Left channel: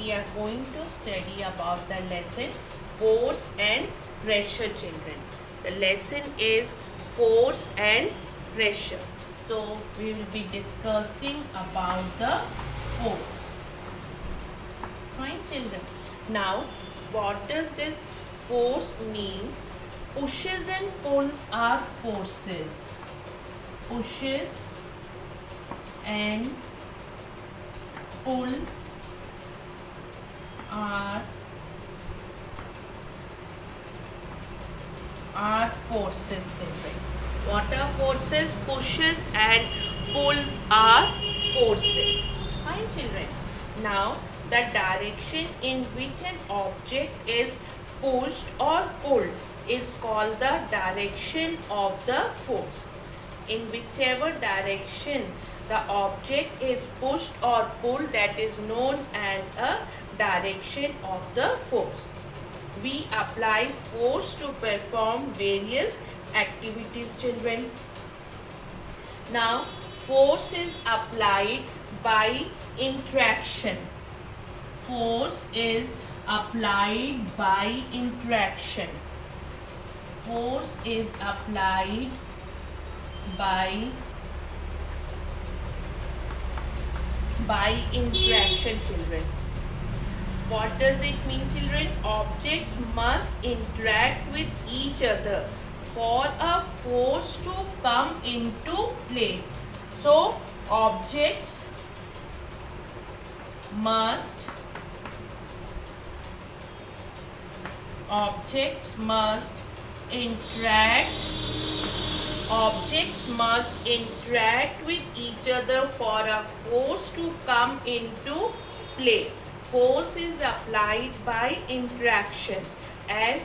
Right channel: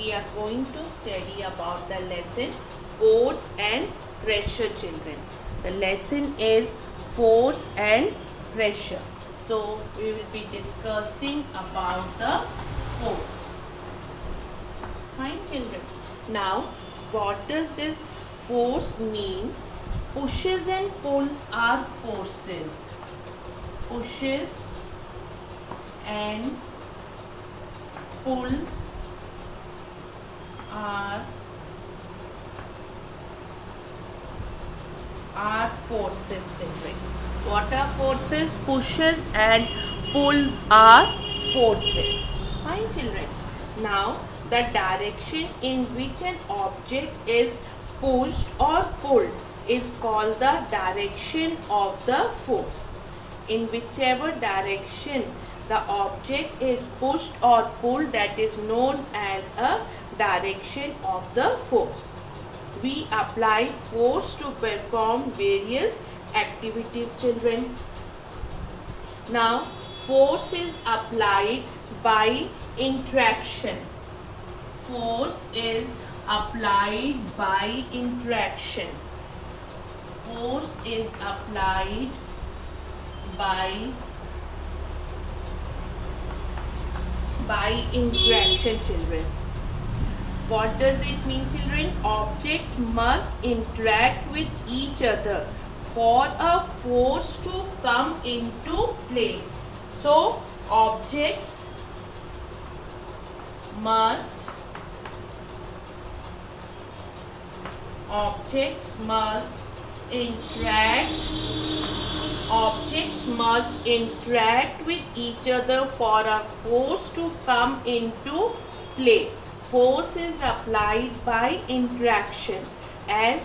we are going to study about the lesson force and pressure, children. The lesson is force and pressure. So we will be discussing about the force. Fine, children. Now, what does this force mean? Pushes and pulls are forces. Pushes and pulls are forces, children. What are forces? Pushes and pulls are forces. Fine, children. Now, the direction in which an object is pushed or pulled is called the direction of the force. In whichever direction the object is pushed or pulled, that is known as a direction of the force. We apply force to perform various activities, children. Now, force is applied by interaction. Force is applied by interaction. Force is applied by interaction, children. What does it mean, children? Objects must interact with each other for a force to come into play. So, objects must interact with each other for a force to come into play. Force is applied by interaction. As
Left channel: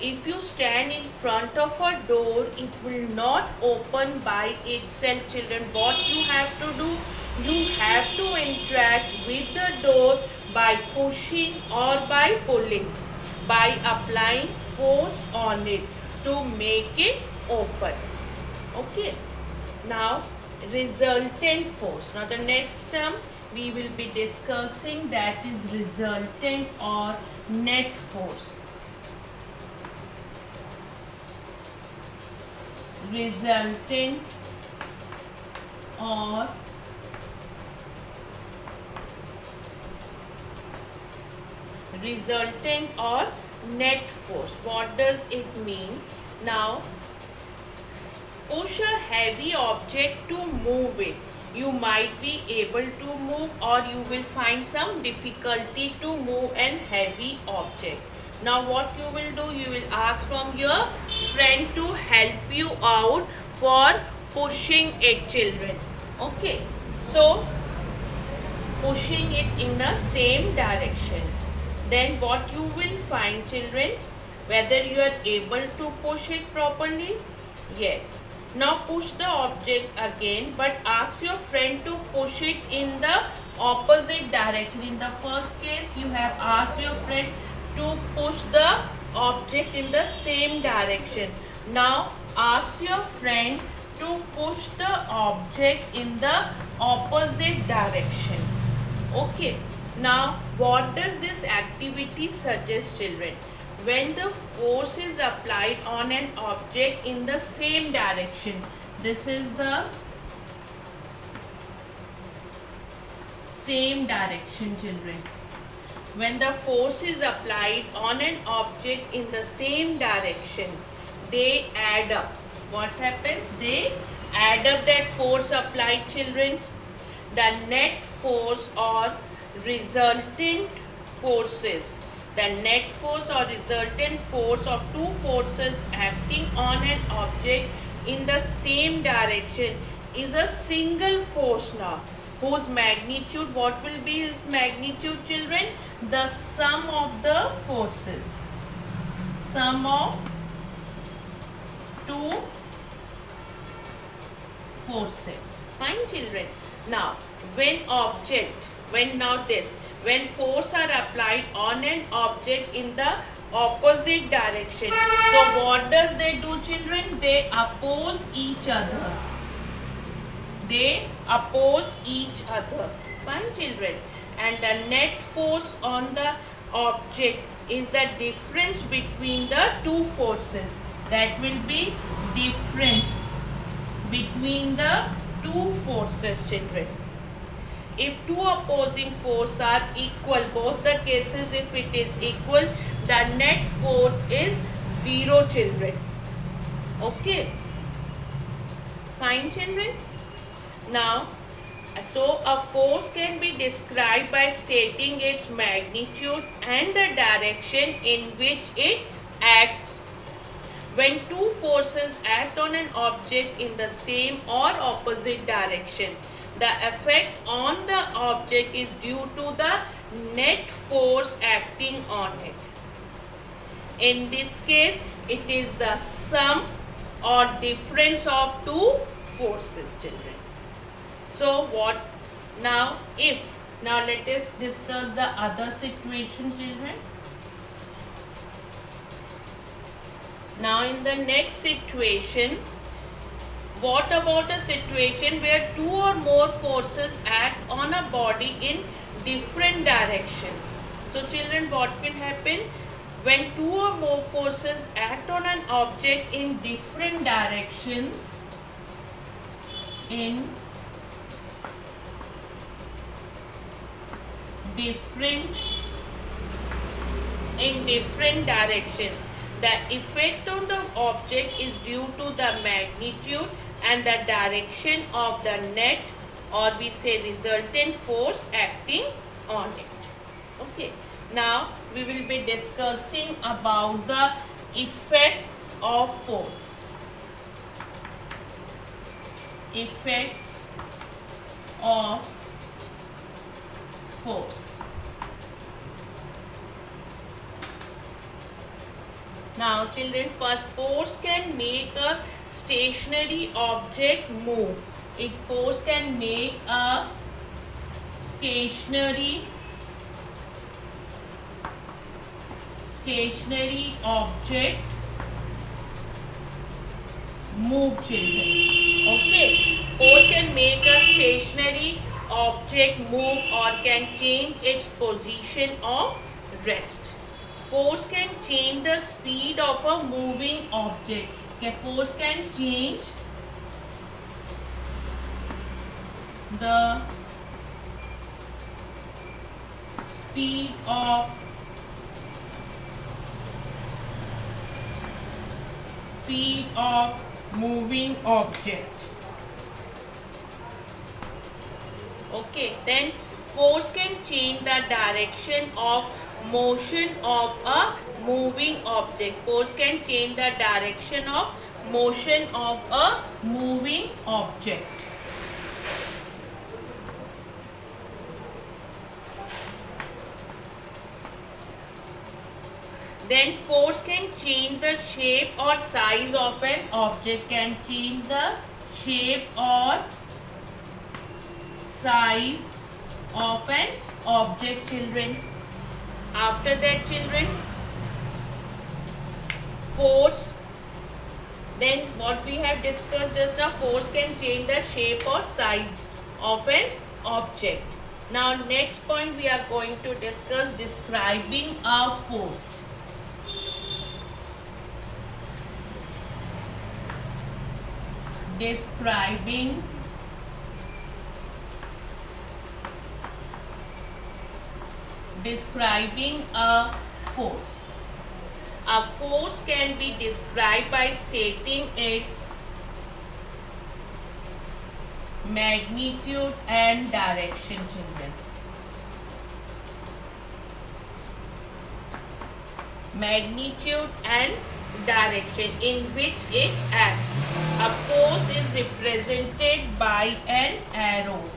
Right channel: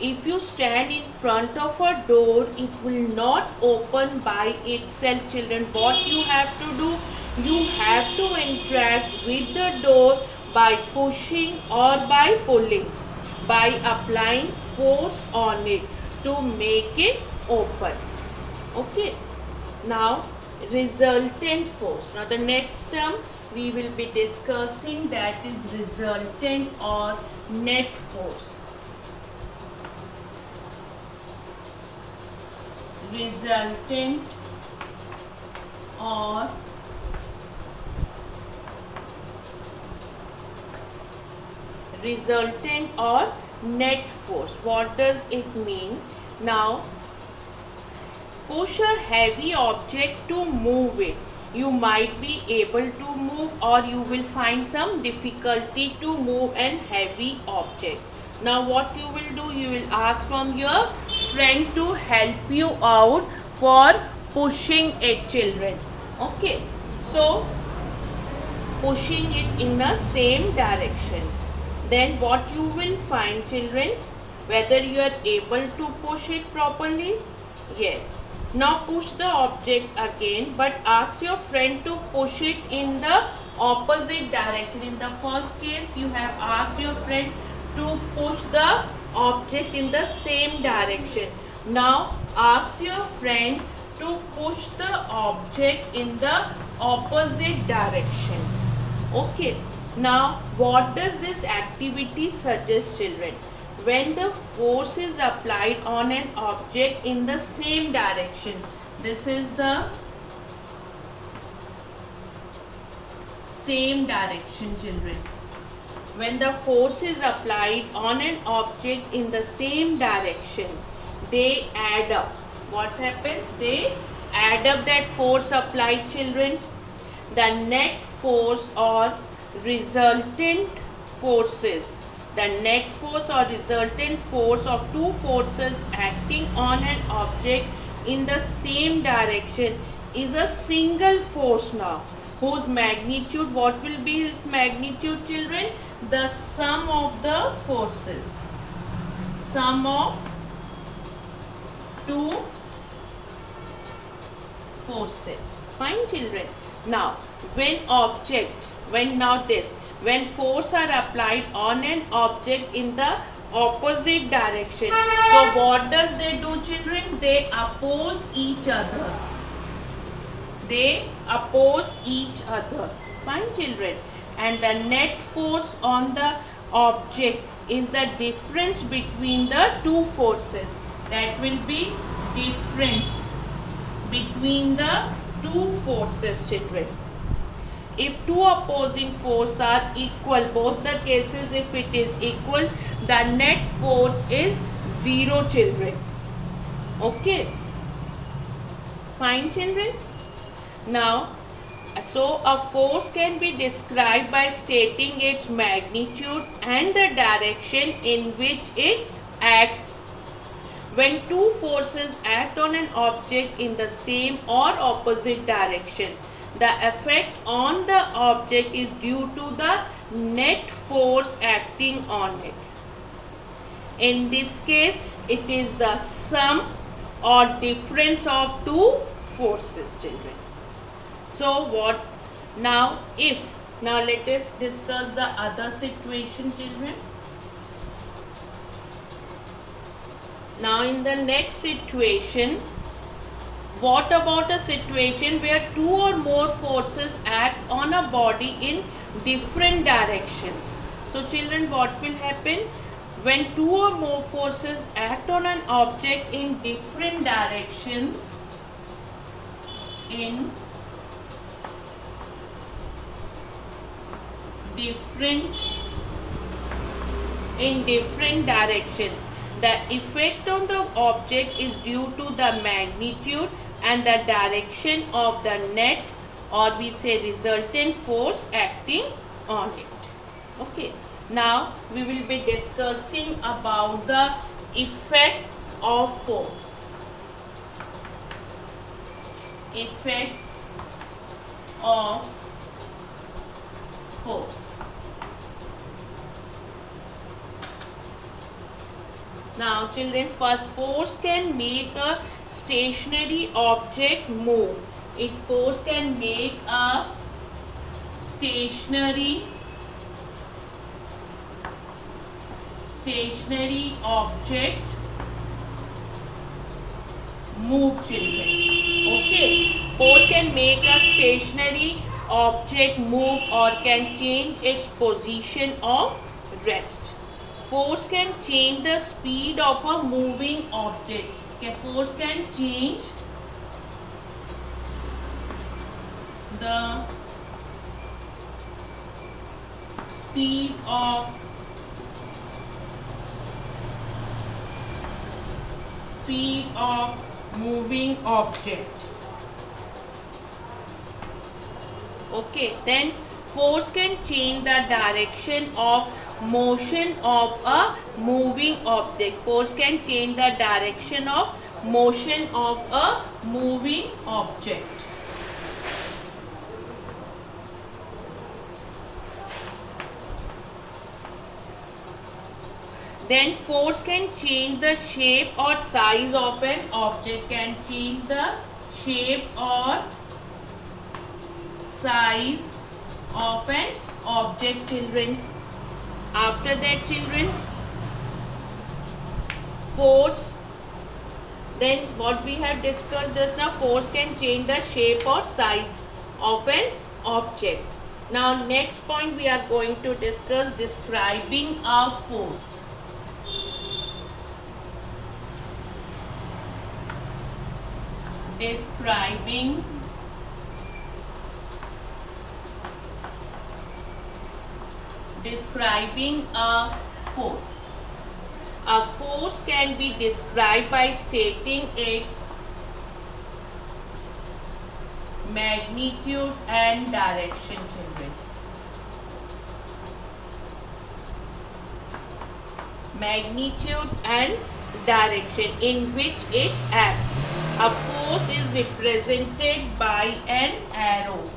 if you stand in front of a door, it will not open by itself, children. What you have to do? You have to interact with the door by pushing or by pulling, by applying force on it to make it open. Okay. Now, resultant force. Now, the next term we will be discussing, that is resultant or net force. Resultant or net force. What does it mean? Now, push a heavy object to move it. You might be able to move, or you will find some difficulty to move an heavy object. Now what you will do? You will ask from your friend to help you out for pushing it, children. Okay. So, pushing it in the same direction. Then what you will find, children? Whether you are able to push it properly? Yes. Now push the object again, but ask your friend to push it in the opposite direction. In the first case, you have asked your friend to push the object in the same direction. Now ask your friend to push the object in the opposite direction. Okay. Now what does this activity suggest, children? When the force is applied on an object in the same direction, this is the same direction, children. When the force is applied on an object in the same direction, they add up. What happens? They add up that force applied, children. The net force or resultant forces. The net force or resultant force of two forces acting on an object in the same direction is a single force now, whose magnitude, what will be its magnitude, children? The sum of the forces. Sum of two forces. Fine, children. Now, when force are applied on an object in the opposite direction, so what does they do, children? They oppose each other. They oppose each other. Fine, children. and the net force on the object is the difference between the two forces. That will be difference between the two forces, children. If two opposing forces are equal, both the cases if it is equal, the net force is 0, children. Okay. Fine, children. Now, so a force can be described by stating its magnitude and the direction in which it acts. When two forces act on an object in the same or opposite direction, the effect on the object is due to the net force acting on it. In this case, it is the sum or difference of two forces, children. So what now if, now let us discuss the other situation, children. Now in the next situation, what about a situation where two or more forces act on a body in different directions? So children, what will happen? When two or more forces act on an object in different directions, in different directions, the effect on the object is due to the magnitude and the direction of the net, or we say resultant force acting on it. Okay. Now we will be discussing about the effects of force. Effects of force. Now children, first, force can make a stationary object move. Force can make a stationary object move, children. Okay, force can make a stationary object move or can change its position of rest. Force can change the speed of a moving object. Okay, force can change the speed of moving object. Okay, then force can change the direction of motion of a moving object. Force can change the direction of motion of a moving object. Then force can change the shape or size of an object. Can change the shape or size of an object, children. After that, children, force, then what we have discussed just now, force can change the shape or size of an object. Now next point we are going to discuss describing a force. Describing a force. A force can be described by stating its magnitude and direction, children. Magnitude and direction in which it acts. A force is represented by an arrow.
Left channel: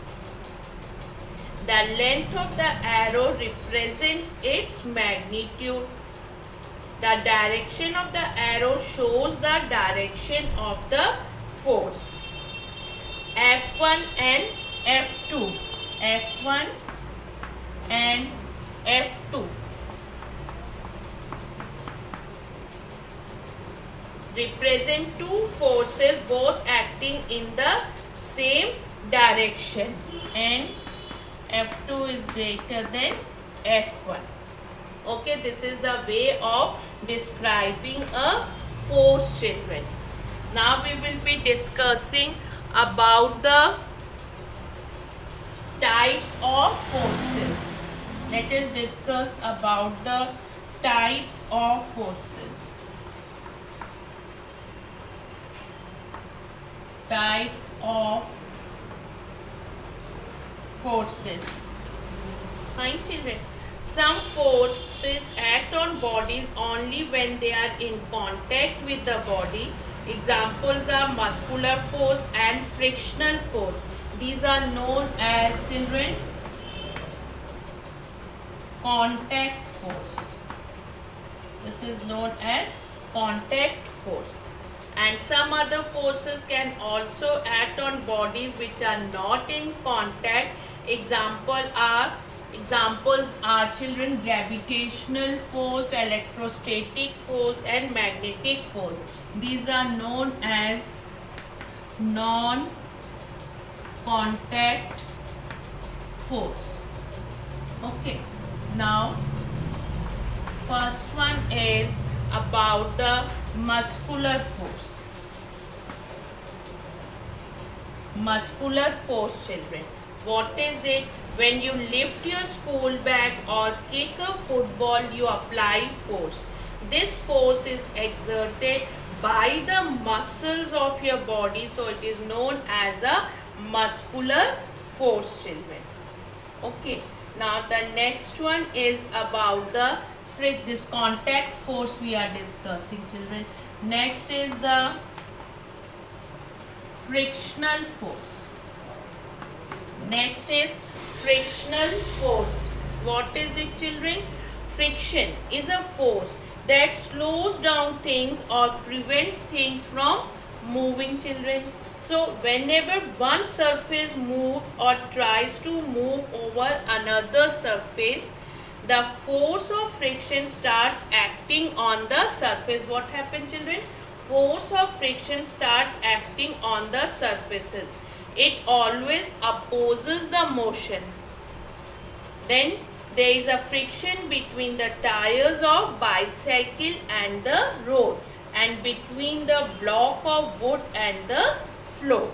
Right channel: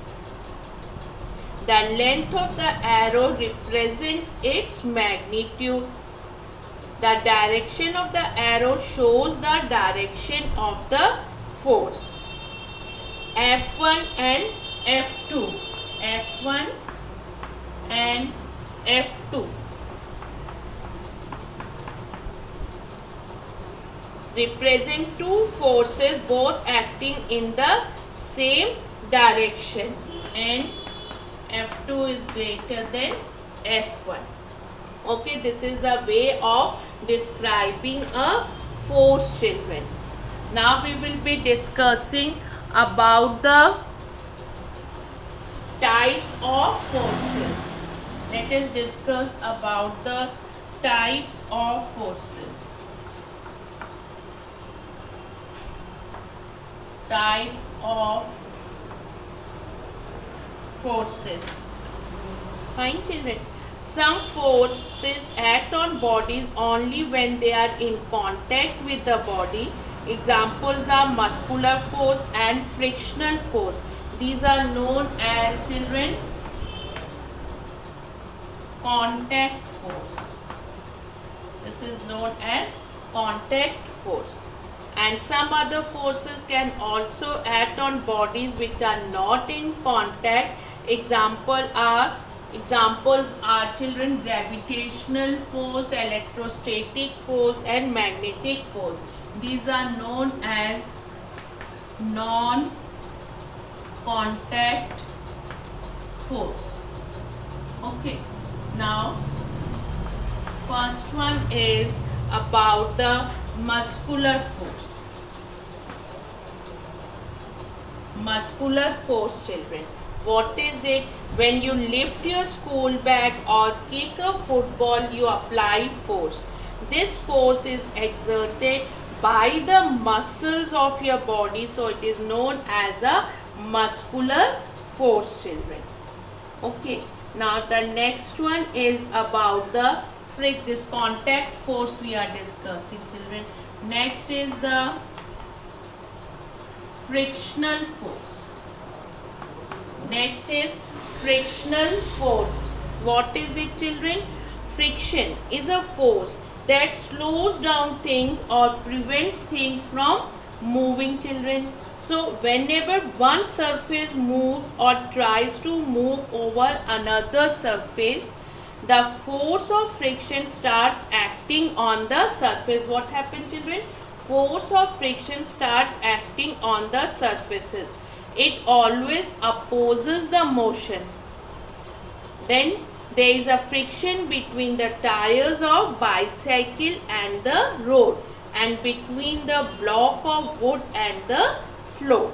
The length of the arrow represents its magnitude. The direction of the arrow shows the direction of the force. F1 and F2. F1 and F2 represent two forces both acting in the same direction, and F2 is greater than F1. Okay, this is the way of describing a force, children. Now we will be discussing about the types of forces. Let us discuss about the types of forces. Types of forces. Fine, children. Some forces act on bodies only when they are in contact with the body. Examples are muscular force and frictional force. These are known as, children, contact force. This is known as contact force. And some other forces can also act on bodies which are not in contact. Examples are, children, gravitational force, electrostatic force and magnetic force. These are known as non-contact force. Okay. Now, first one is about the muscular force. Muscular force, children. What is it? When you lift your school bag or kick a football, you apply force. This force is exerted by the muscles of your body, so it is known as a muscular force, children. Okay. Now the next one is about the this contact force we are discussing, children. Next is the frictional force. Next is frictional force. What is it, children? Friction is a force that slows down things or prevents things from moving, children. So whenever one surface moves or tries to move over another surface, the force of friction starts acting on the surface. What happens, children? Force of friction starts acting on the surfaces. It always opposes the motion. Then there is a friction between the tires of bicycle and the road, and between the block of wood and the floor.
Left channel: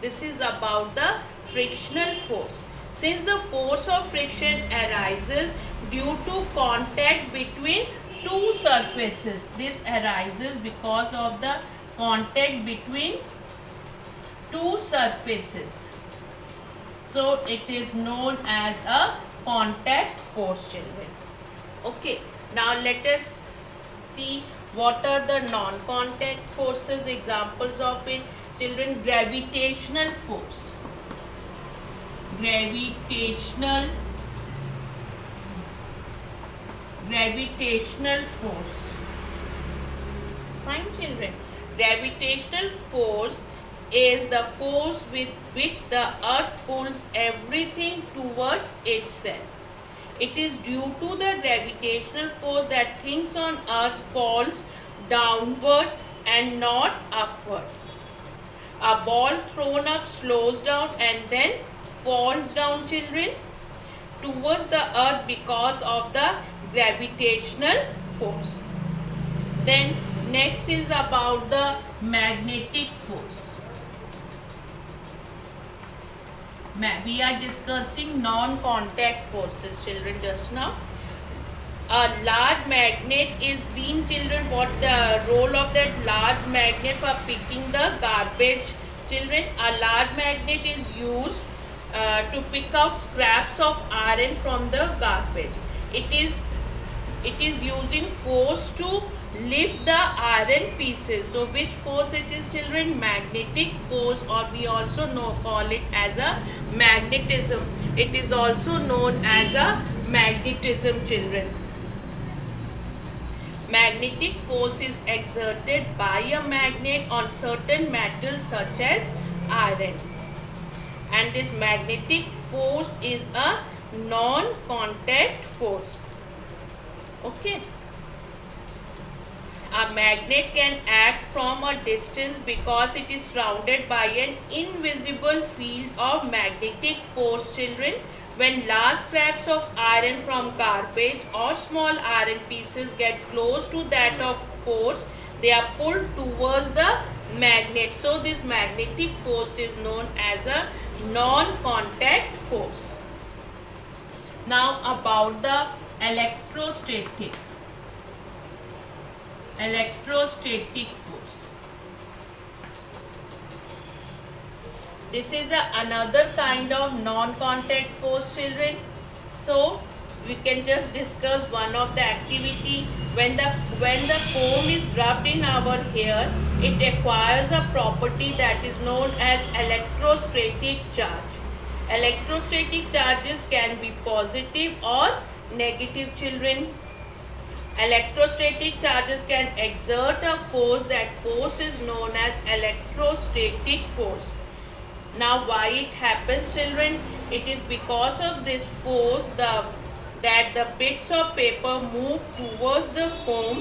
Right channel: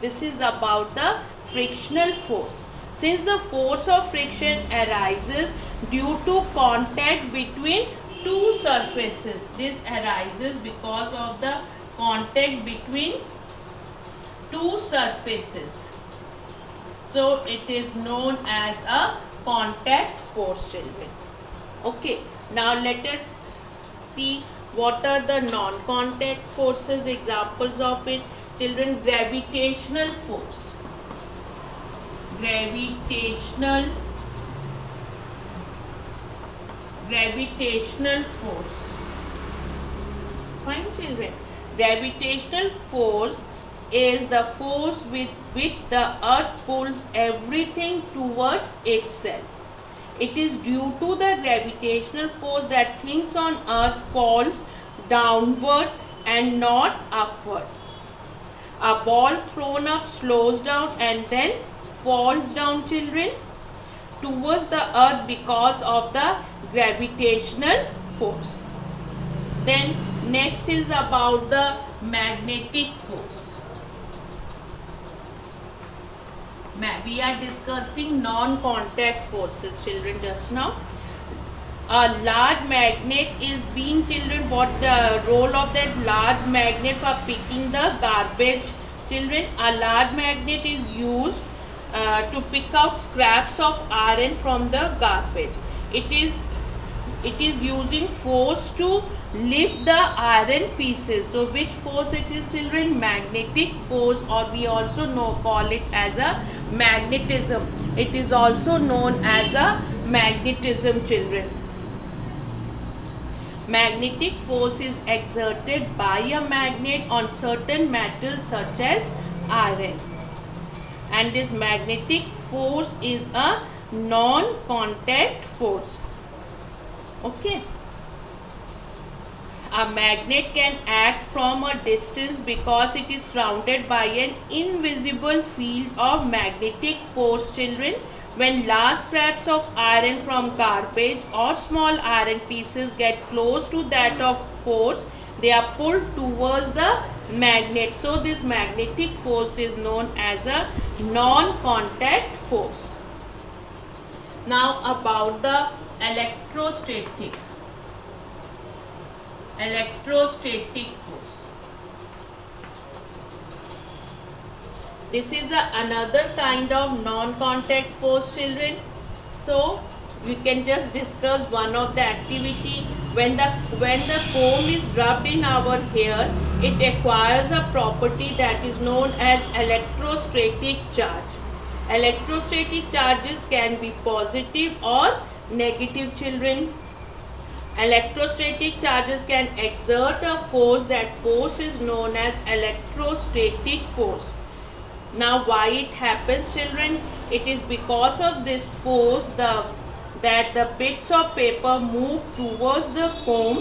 This is about the frictional force. Since the force of friction arises due to contact between two surfaces, this arises because of the contact between two surfaces. So it is known as a contact force, children. Okay, now let us see what are the non-contact forces. Examples of it, children. Gravitational force. Gravitational force. Fine, children. Gravitational force is the force with which the earth pulls everything towards itself. It is due to the gravitational force that things on earth falls downward and not upward. A ball thrown up slows down and then falls down, children, towards the earth because of the gravitational force. Then next is about the magnetic force. We are discussing non-contact forces, children, just now. A large magnet is being, children, what the role of that large magnet for picking the garbage, children? A large magnet is used to pick out scraps of iron from the garbage. It is using force to lift the iron pieces. So which force it is, children? Magnetic force, or we also call it as a magnetism. It is also known as a magnetism, children. Magnetic force is exerted by a magnet on certain metals such as iron, and this magnetic force is a non-contact force. Okay. A magnet can act from a distance because it is surrounded by an invisible field of magnetic force, children. When large scraps of iron from garbage or small iron pieces get close to that of force, they are pulled towards the magnet. So this magnetic force is known as a non-contact force. Now about the electrostatic force. This is another kind of non-contact force, children. So we can just discuss one of the activity. When the comb is rubbed in our hair, it acquires a property that is known as electrostatic charge. Electrostatic charges can be positive or negative, children. Electrostatic charges can exert a force. That force is known as electrostatic force. Now why it happens, children? It is because of this force that the bits of paper move towards the comb.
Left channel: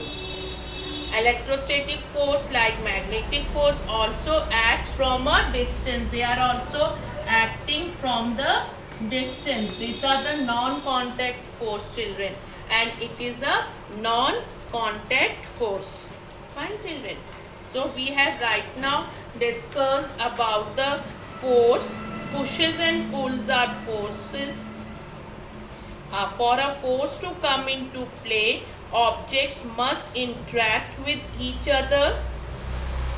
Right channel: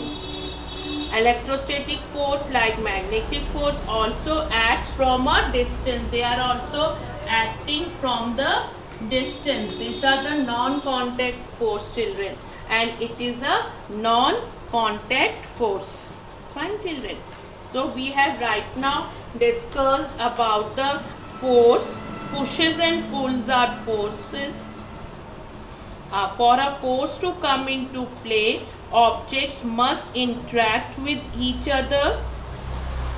Electrostatic force, like magnetic force, also acts from a distance. They are also acting from the distance. These are the non-contact force, children, and it is a non-contact force. Fine, children. So we have right now discussed about the force. Pushes and pulls are forces. For a force to come into play, objects must interact with each other.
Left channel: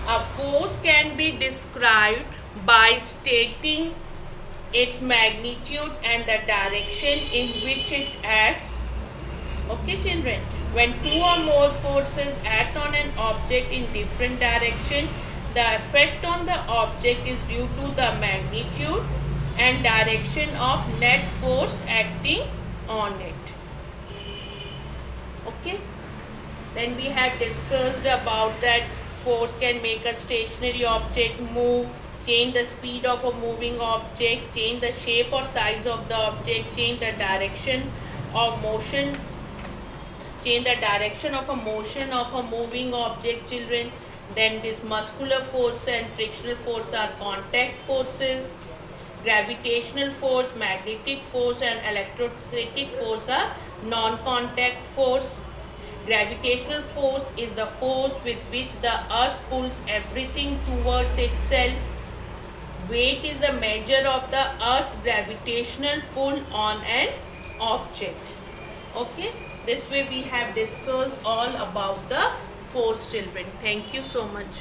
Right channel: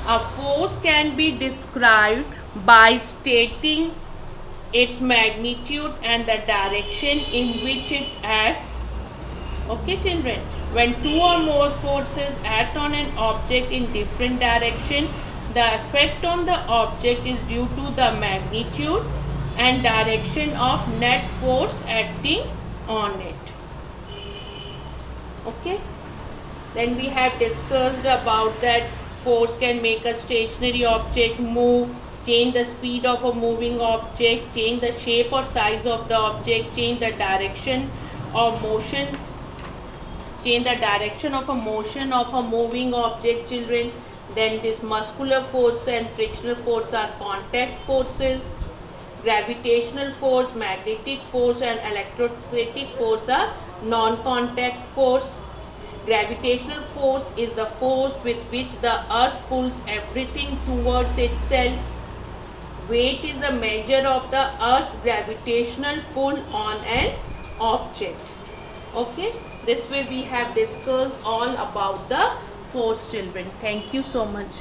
A force can be described by stating its magnitude and the direction in which it acts. Okay, children. When two or more forces act on an object in different direction, the effect on the object is due to the magnitude and direction of net force acting on it. Okay. Then we have discussed about that force can make a stationary object move, change the speed of a moving object, change the shape or size of the object, change the direction of motion, change the direction of a motion of a moving object, children. Then this muscular force and frictional force are contact forces. Gravitational force, magnetic force and electrostatic force are non-contact force. Gravitational force is the force with which the earth pulls everything towards itself. Weight is the measure of the earth's gravitational pull on an object. Okay, this way we have discussed all about the force, children. Thank you so much.